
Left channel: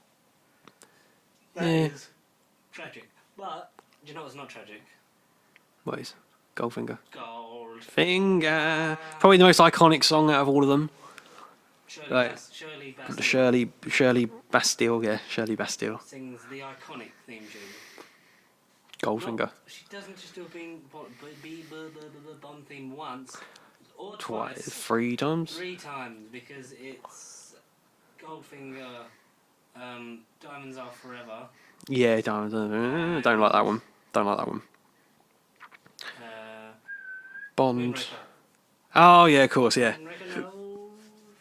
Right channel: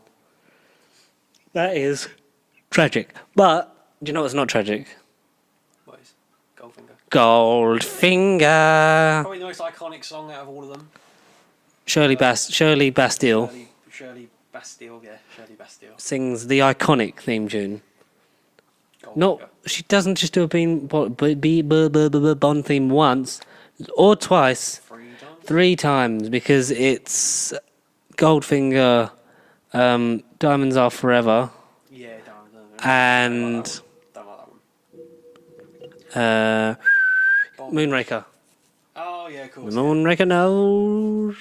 That is tragic. But do you know what's not tragic? What is? Goldfinger. Goldfinger. Probably the most iconic song out of all of them. Shirley Bastille. Shirley Bastille, yeah. Shirley Bastille. Sings the iconic theme tune. Goldfinger. She doesn't just do a Bond theme once or twice. 3 times? 3 times, because it's Goldfinger, Diamonds Are Forever. Yeah, Diamonds Are Forever. I don't like that one. Bond. Moonraker. Oh, yeah, of course, yeah. Moonraker knows.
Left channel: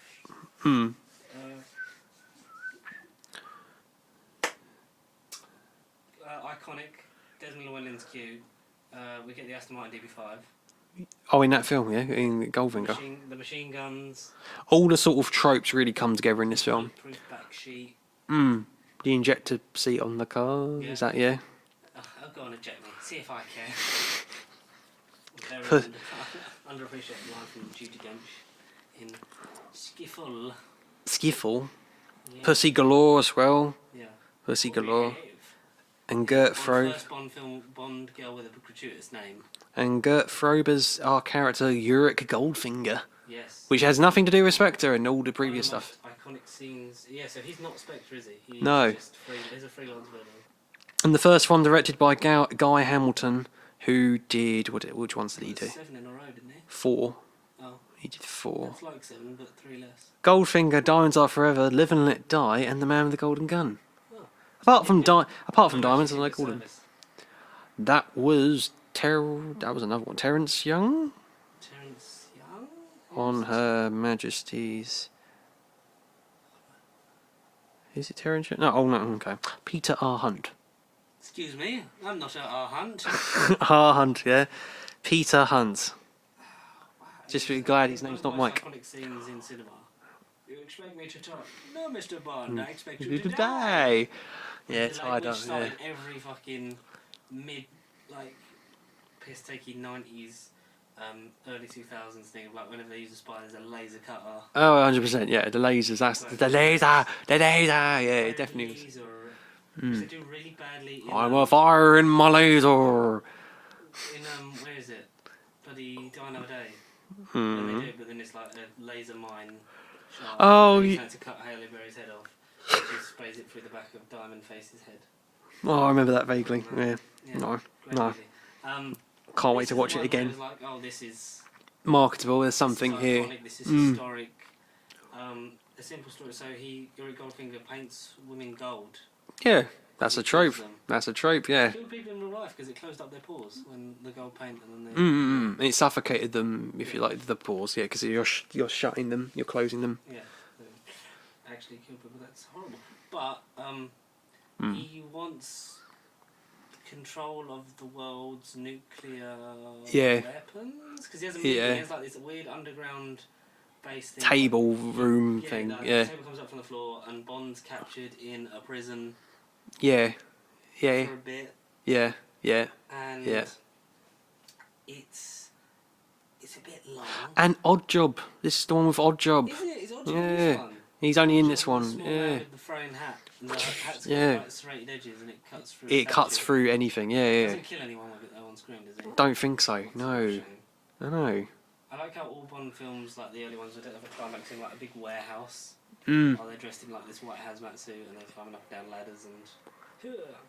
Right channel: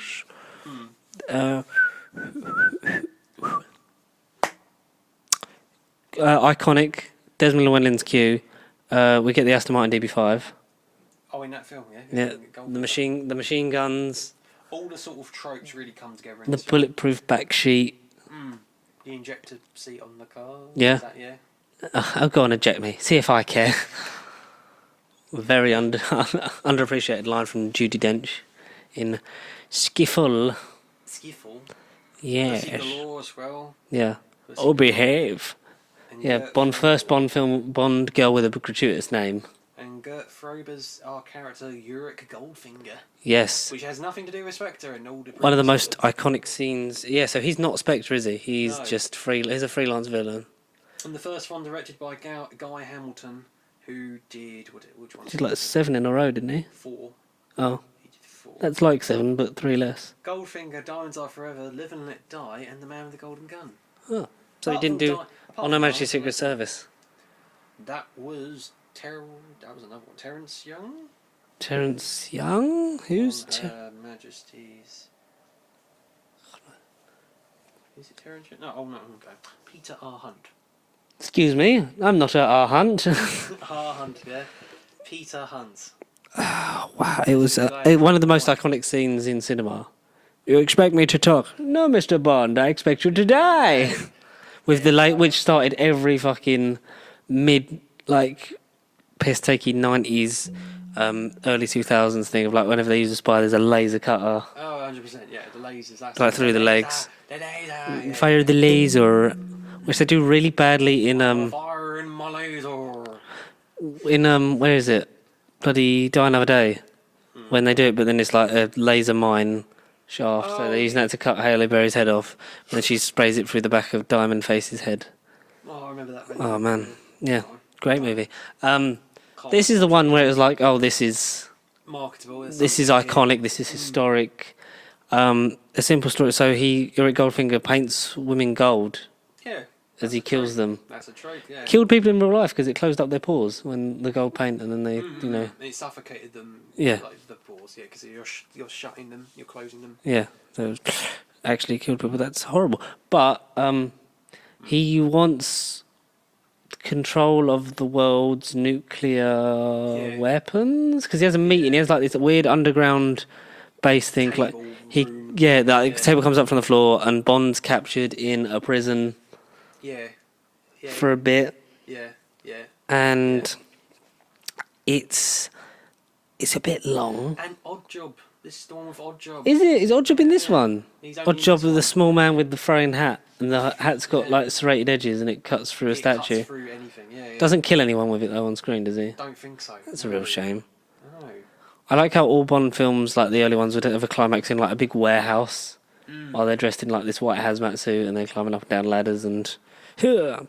Iconic. Desmond Llewellyn's Q. We get the Aston Martin DB5. Oh, in that film, yeah. Goldfinger. The machine guns. All the sort of tropes really come together in this film. The bulletproof back sheet. The injector seat on the car. Yeah. Is that, yeah? Oh, go on, eject me. See if I care. Very underappreciated line from Judi Dench in Skiffle. Skiffle? Yeah. Pussy Galore as well. Yeah. Pussy Or Galore. Behave. And Yeah, first Bond film, Bond girl with a gratuitous name. And Gert Frober's our character, Ulrich Goldfinger. Yes. Which has nothing to do with Spectre and all the previous One of the stuff. most iconic scenes. Yeah, so he's not Spectre, is he? He's just he's a freelance villain. And the first one directed by Guy Hamilton, who did... Which ones He did did like he do? 7 in a row, didn't he? 4. Oh. He did 4. That's like 7, but 3 less. Goldfinger, Diamonds Are Forever, Live and Let Die, and The Man with the Golden Gun. Oh. Apart from No Diamonds, Majesty's I like Secret one. Service. That was that was another one. Terence Young Terence Young? Who's on Her Majesty's. Is it Terence Young? No, no, okay. Peter R. Hunt. Excuse me, I'm not at our hunt. R. Hunt, yeah. Peter Hunt. Wow, it was one of the most iconic scenes in cinema. You expect me to talk? No, Mr. Bond, I expect you to die. With the late, which started every fucking piss-takey 90s early 2000s thing of like whenever they use a spy, there's a laser cutter. Oh, 100%. Yeah, the lasers. That's Like through the legs. The laser. Yeah, Fire the laser, which they do really badly in I'm firing my laser. where is it? Bloody Die Another Day. When they do it, but then it's like a laser mine shaft. Oh, so they're using that to cut Halle Berry's head off, and she sprays it through the back of Diamond Face's head. Oh, I remember that vaguely. Oh man, yeah. No, Great no. movie. This is the one where it was like, oh, this is marketable. this is iconic. This is historic. A simple story. So Eric Goldfinger paints women gold. Yeah, as he kills them. That's a trope. Yeah, Killed people in real life because it closed up their pores when the gold paint, and then they. You know, it suffocated them. Yeah, like the pores. Yeah, because you're shutting them, you're closing them. Yeah, so actually killed people. That's horrible. But he wants control of the world's nuclear weapons because he has a meeting. He has like this weird underground base thing. Table room. Yeah, the table comes up from the floor, and Bond's captured in a prison. Yeah. For a bit. Yeah. And it's a bit long. And Odd Job. This is the one with Odd Job. Is it? Is Odd Job in this one? He's only Odd Job with the small man with the throwing hat, and the hat's got like serrated edges, and it cuts through a statue. It cuts through anything. Yeah. Doesn't kill anyone with it though on screen, does he? Don't think so. It's a real shame. I know. I like how all Bond films, like the early ones, would have a climax in like a big warehouse, while they're dressed in like this white hazmat suit and they're climbing up and down ladders and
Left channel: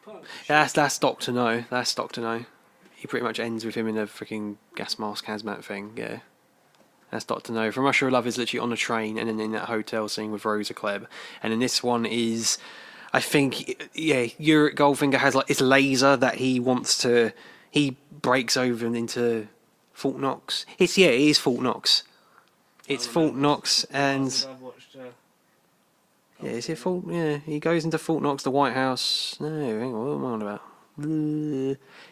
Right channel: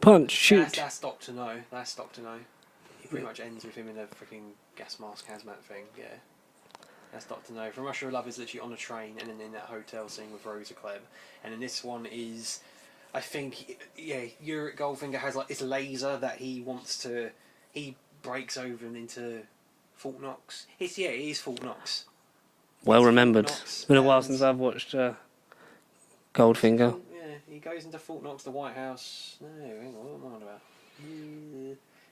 punch, shoot. That's Doctor No. That's Doctor No. He pretty much ends with him in a freaking gas mask hazmat thing. Yeah. That's Doctor No. From Russia with Love is literally on a train and then in that hotel scene with Rosa Klebb. And then this one is, I think, Eric Goldfinger has like this laser that he wants to. He breaks over into Fort Knox. It is Fort Knox. Well remembered. Fort Knox. It's been a while since I've watched Goldfinger. He goes into Fort Knox, the White House. No, hang on, what am I on about?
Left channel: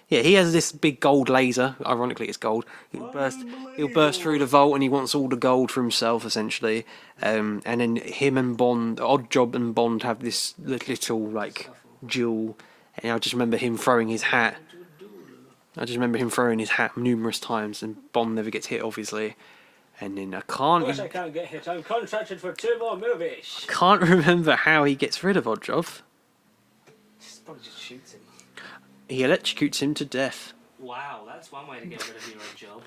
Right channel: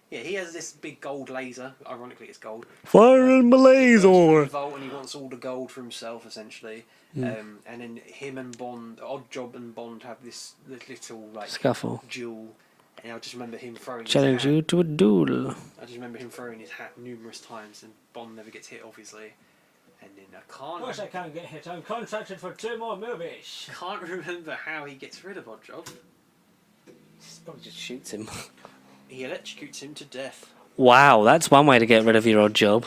Yeah, he has this big gold laser. Ironically, it's gold. Firing my laser! He bursts through the vault and he wants all the gold for himself, essentially. And then him and Bond, Odd Job and Bond have this little, like, scuffle. Duel. And I just remember him throwing his Challenge hat. you to a duel. I just remember him throwing his hat numerous times and Bond never gets hit, obviously. And then I can't get hit. I'm contracted for 2 more movies. Can't remember how he gets rid of Odd Job. Probably just shoots him. He electrocutes him to death. Wow, that's one way to get rid of your Odd Job.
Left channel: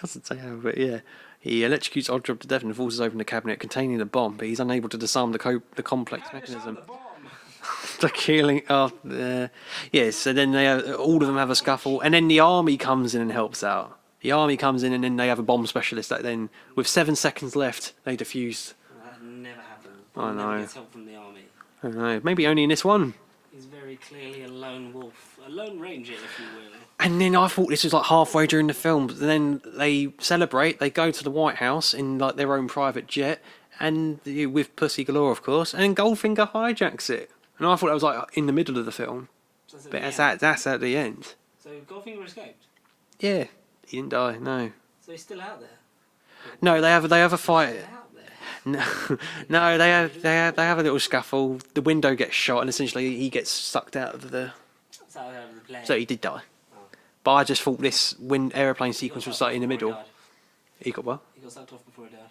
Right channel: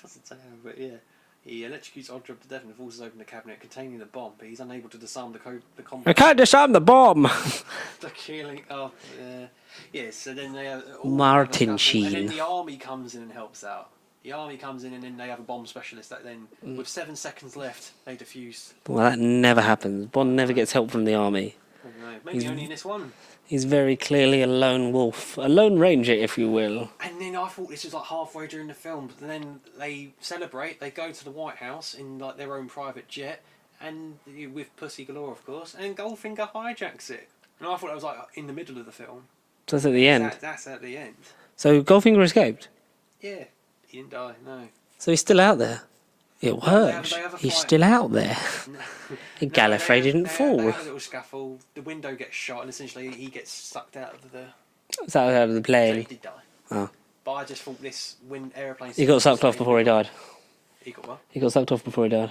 Doesn't say how, but yeah. He electrocutes Odd Job to death and forces open the cabinet containing the bomb, but he's unable to disarm the complex. I can't disarm the bomb! The killing. So then they all of them have a scuffle, and then the army comes in and helps out. The army comes in and then they have a bomb specialist that then, with 7 seconds left, they defuse. Well, that never happens. Bond never gets help from the army. I don't know. Maybe only in this one. He's very clearly a lone wolf. A lone ranger, if you will. And then I thought this was like halfway during the film, but then they celebrate, they go to the White House in like their own private jet, and with pussy galore, of course, and Goldfinger hijacks it. And I thought that was like in the middle of the film. So that's at the end? That's at the end. So Goldfinger escaped? Yeah. He didn't die, no. So he's still out there? No, they have a fight. He's still out there. No, Gallifrey they have a little scuffle. The window gets shot, and essentially he gets sucked out of the. Out of the plane. So he did die. Oh. But I just thought this aeroplane. He got sucked off before he died. He got what? He got sucked off before he died.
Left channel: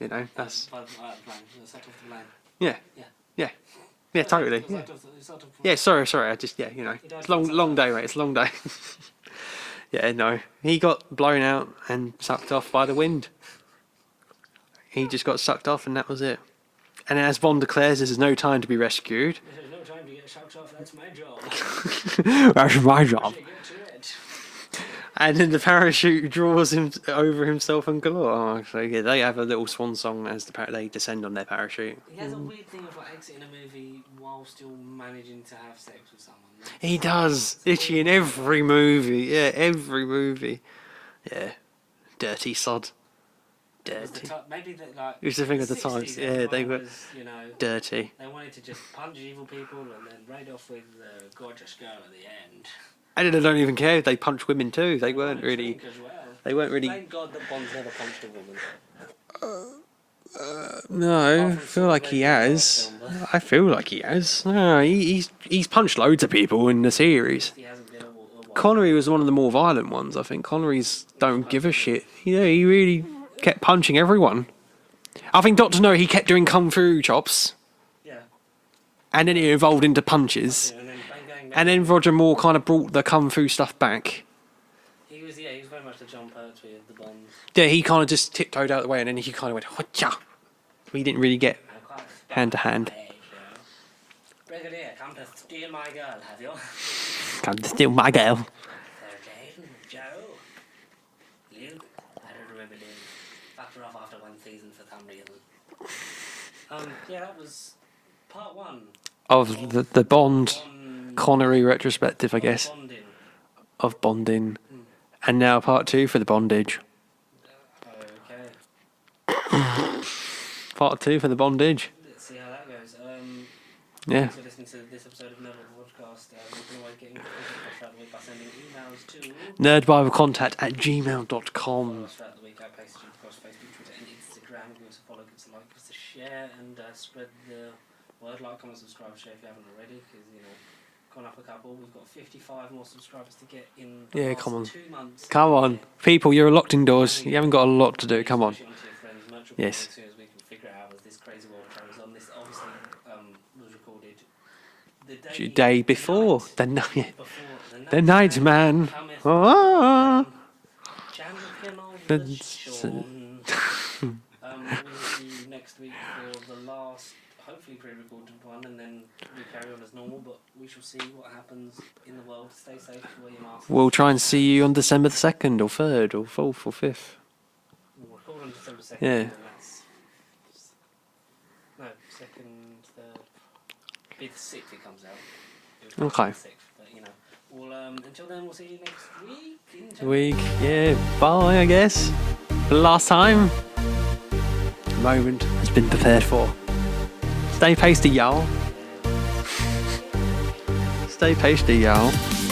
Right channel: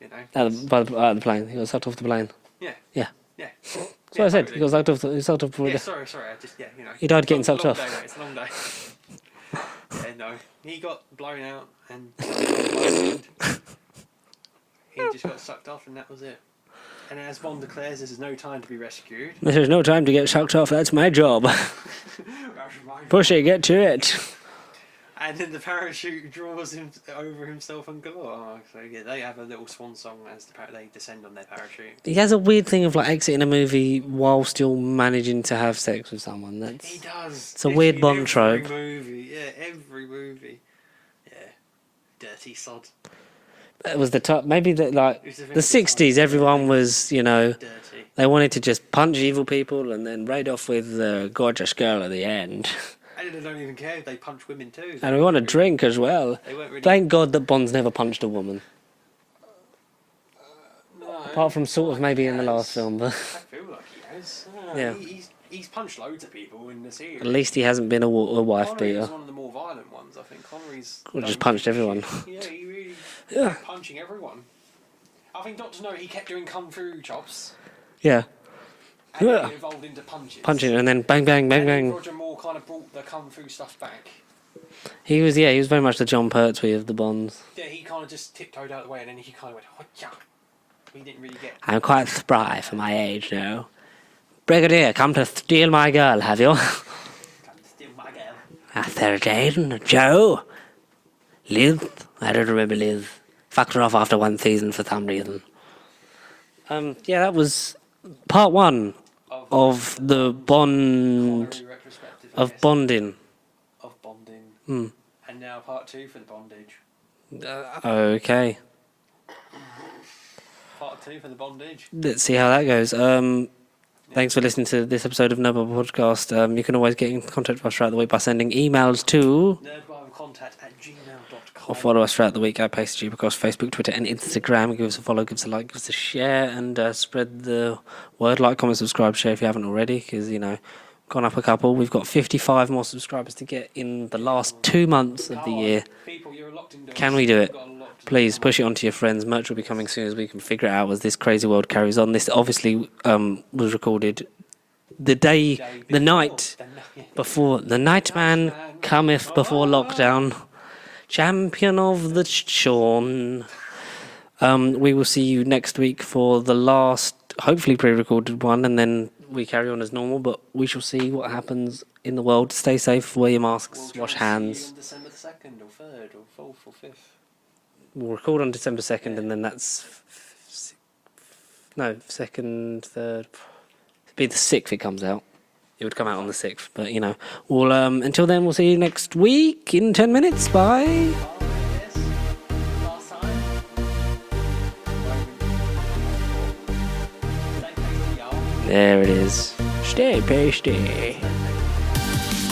You know. Out of the plane. He got sucked off the plane. Yeah. Yeah. Yeah. Yeah, totally. He got sucked off. He sucked off before. Yeah. Sorry. I just He died getting sucked off. Long day, mate. It's a long day. Yeah, no. He got blown out and sucked off by the wind. He just got sucked off and that was it. And as Bond declares, there's no time to be rescued. There's no time to get sucked off. That's my job. That's my job. Pussy, get to it. And then the parachute draws him over himself and galore. Oh, so yeah, they have a little swan song as they descend on their parachute. He has a weird thing of like exiting a movie while still managing to have sex with someone. He does. It's a weird Bond trope. Every movie. Yeah, every movie. Yeah. Dirty sod. It was the top. Maybe the 60s. Yeah, everyone was, dirty. They wanted to just punch evil people and then raid off with the gorgeous girl at the end. And they don't even care if they punch women too. They want to drink as well. They weren't really. Thank God that Bond's never punched a woman. No, Apart from I feel sort of like maybe he in the last has. film, but I feel like he has. No, Yeah. he's punched loads of people in the series. at least he hasn't been a wife Connery beater. was one of the more violent ones. I think Connery's Well, just don't punched give a everyone. shit. Yeah, he really kept punching everyone. I think Doctor No, he kept doing kung fu chops, Yeah. and then Yeah. it evolved into punches. Punching and then bang, bang, bang, and bang. then Roger Moore kind of brought the kung fu stuff back. He was very much the John Pertwee of the Bonds. Yeah, he kind of just tiptoed out of the way, and then he kind of went, "Hotcha." We didn't really get. I'm quite spry Hand to for hand. my age now. Brigadier, come to steal my girl, have you? Come to steal my girl. 13, Joe. Liz? I don't remember Liz. Fucked her off after one season for some reason. Yeah, that was part one Of the Bond Connery retrospective, I of guess. bonding. Of bonding. And now part 2 for the bondage. Okay, Part 2 for the bondage. let's see how that goes. Thanks for listening to this episode of Nerd Bible Podcast. You can always get in contact with us throughout the week by sending emails to nerdbiblecontact@gmail.com. or follow us throughout the week at Pasty across Facebook, Twitter, and Instagram. Give us a follow, give us a like, give us a share, and spread the word. Like, comment, subscribe, share if you haven't already, because gone up a couple. We've got 55 more subscribers to get in the last come on. 2 months. Come of the on. year. People, you're locked indoors. Can we do You haven't it? got a lot to do. Please Come push on. it onto your friends. Merch will be Yes. coming soon as we can figure it out as this crazy world carries on. This obviously was recorded the day before. the night before the night man cometh before lockdown. Champion of the Sean. We will see you next week for the last, hopefully pre-recorded one, and then we carry on as normal. But we shall see what happens in the world. Stay safe. Wear your masks. We'll try and wash see you hands. on December the 2nd or 3rd or 4th or 5th. We'll record on December 2nd, Yeah. and then that's 2nd, 3rd. It'd be the 6th. It comes out. It would come out on Okay. the 6th. But we'll until then, we'll see you next week in 10 minutes. Bye. Yeah, bye, I guess. For the last time. The moment has been prepared for. Stay pasty, y'all. There it is. Stay pasty. Stay pasty, y'all.